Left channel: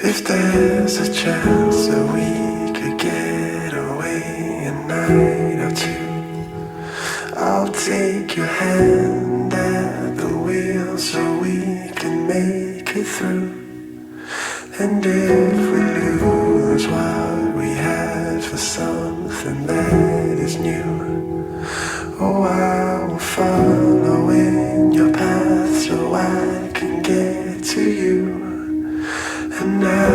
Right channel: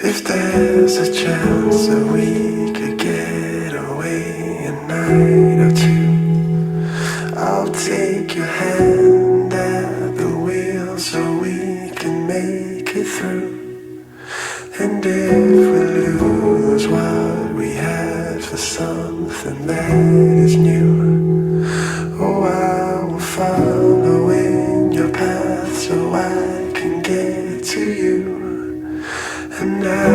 If there's a chance that we could get away a night or two, I'll take your hand at the wheel so we can make it through. And if we lose what we had for something that is new, oh, I will follow in your path so I can get to you. And now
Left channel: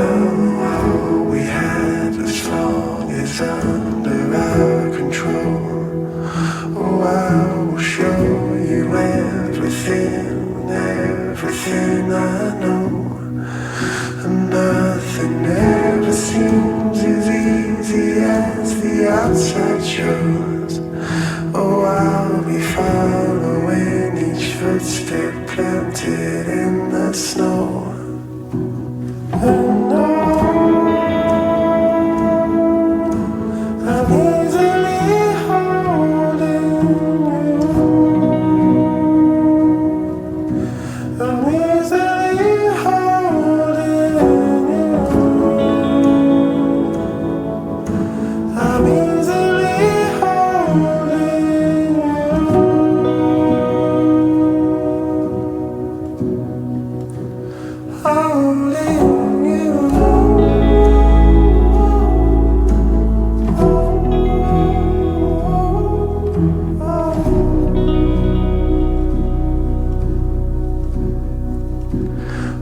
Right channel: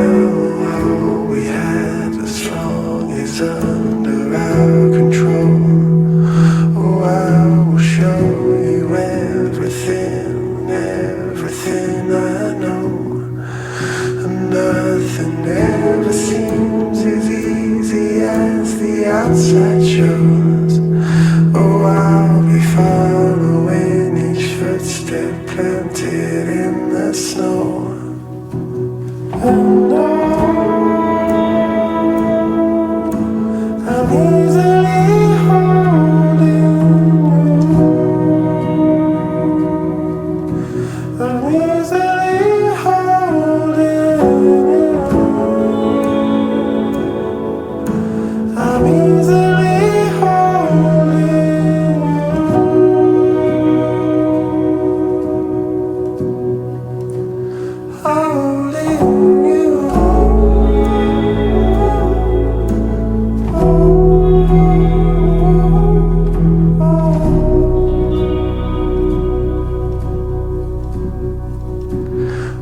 all we have as long is under our control. Oh, I will show you everything, everything I know. And nothing ever seems as easy as the outside shows. Oh, I'll be following each footstep planted in the snow. And I'm easily holding you. I'm easily holding you. I'm easily holding you.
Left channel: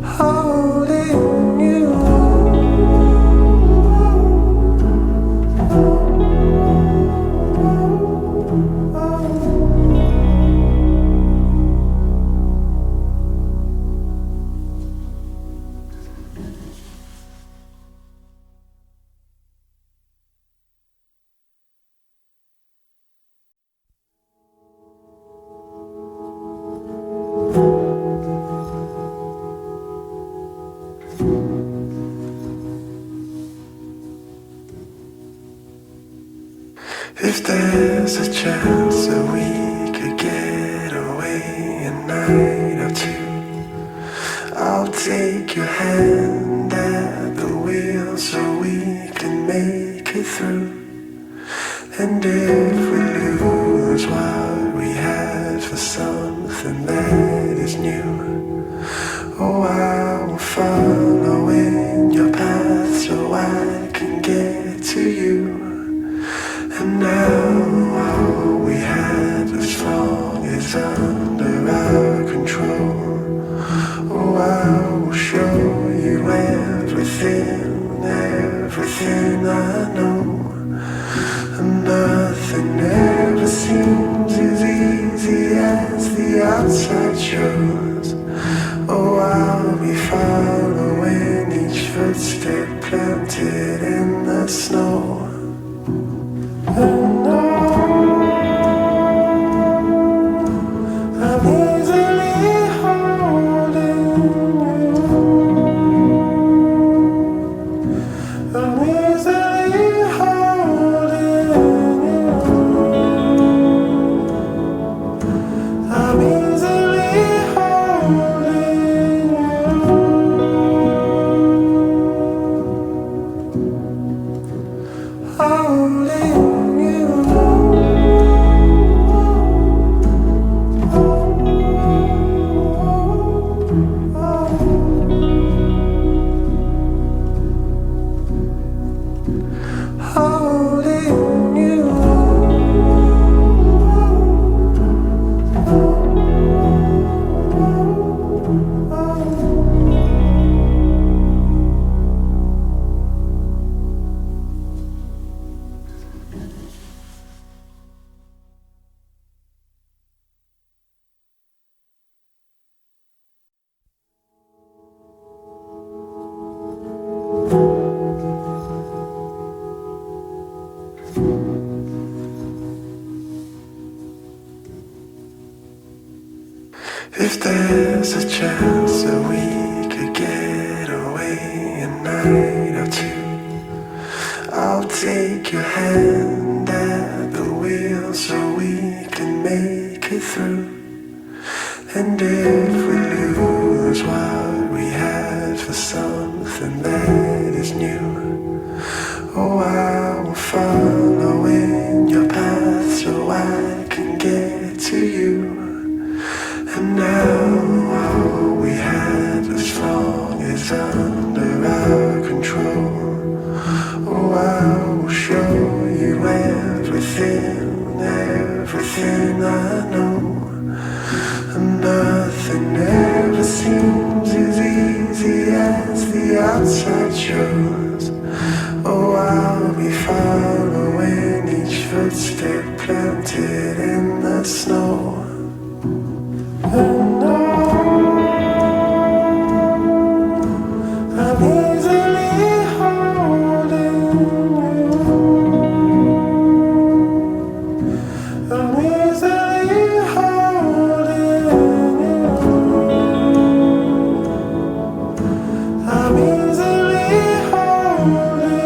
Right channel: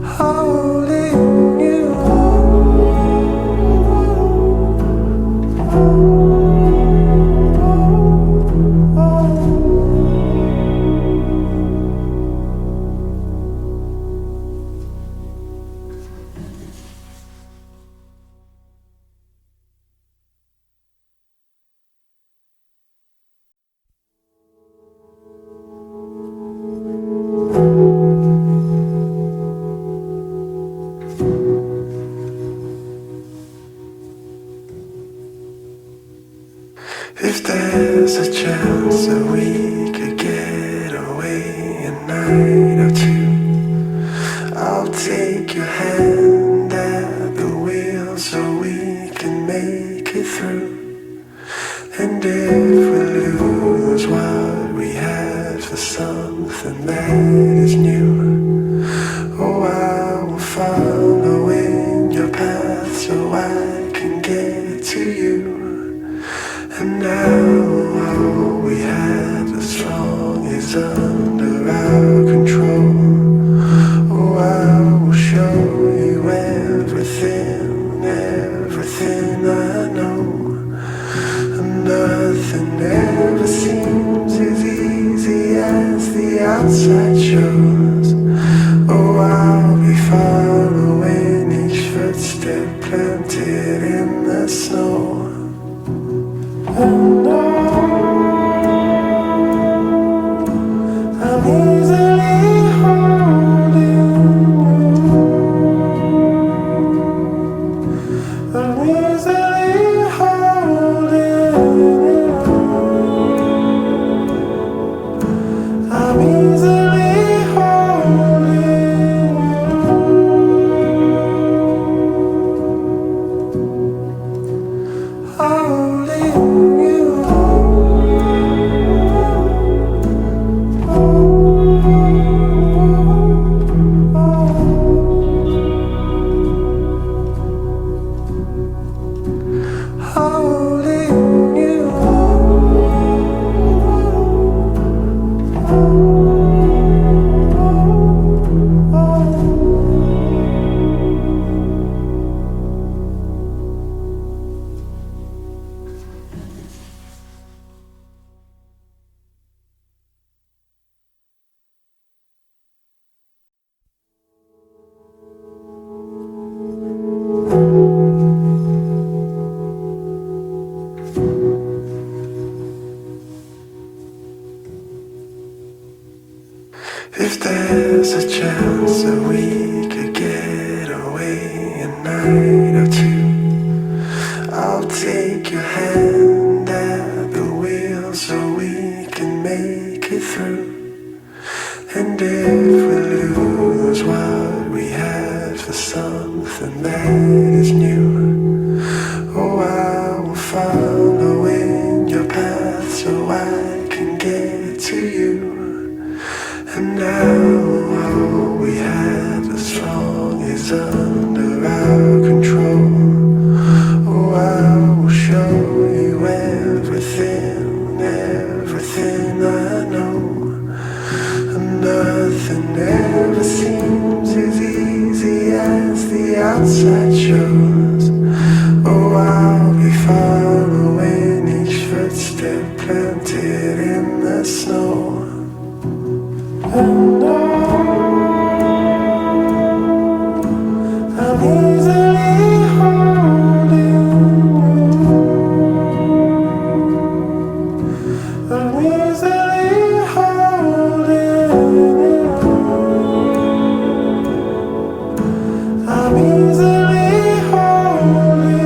Holding. If there's a chance that we could get away a night or two, I'll take your hand at the wheel so we can make it through. And if we lose what we had for something that is new, oh, I will follow in your path so I can get to you. And now all we have as long is under our control. Oh, I will show you everything, everything I know. And nothing ever seems as easy as the outside shows. Oh, I'll be following each footstep planted in the snow. And I'm easily holding you. I'm easily holding you. I'm easily holding you. Holding. If there's a chance that we could get away a night or two, I'll take your hand at the wheel so we can make it through. And if we lose what we had for something that is new, oh, I will follow in your path so I can get to you. And now all we have as long is under our control. Oh, I will show you everything, everything I know. And nothing ever seems as easy as the outside shows. Oh, I'll be following each footstep planted in the snow. And I'm easily holding you. I'm easily holding you. I'm easily holding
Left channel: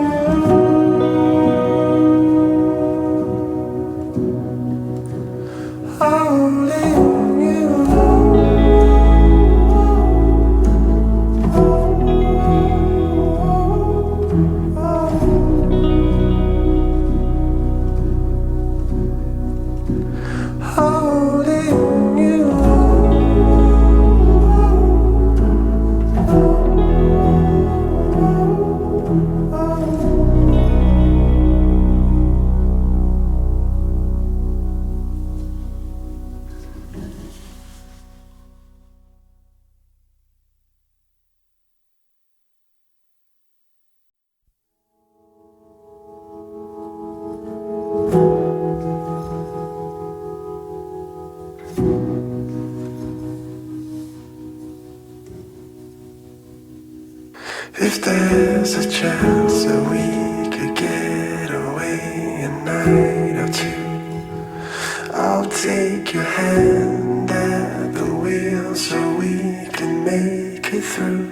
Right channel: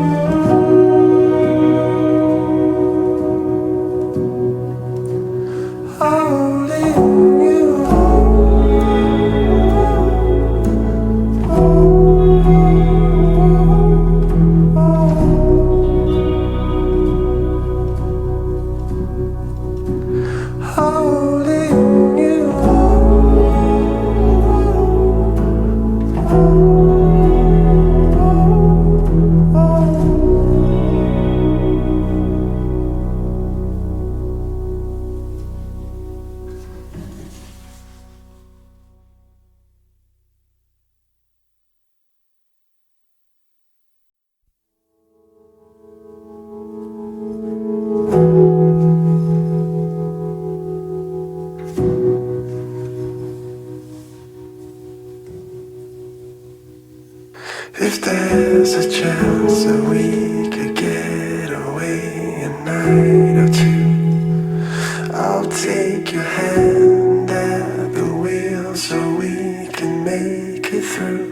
you. Holding you. Holding you. If there's a chance that we could get away a night or two, I'll take your hand at the wheel so we can make it through.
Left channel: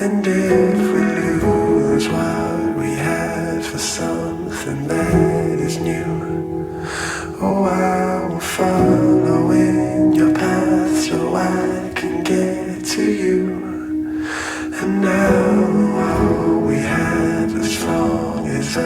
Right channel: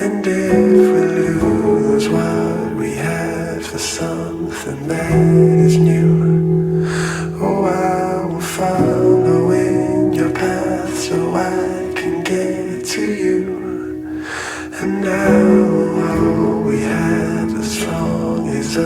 And if we lose what we had for something that is new, oh, I will follow in your path so I can get to you. And now all we had as long is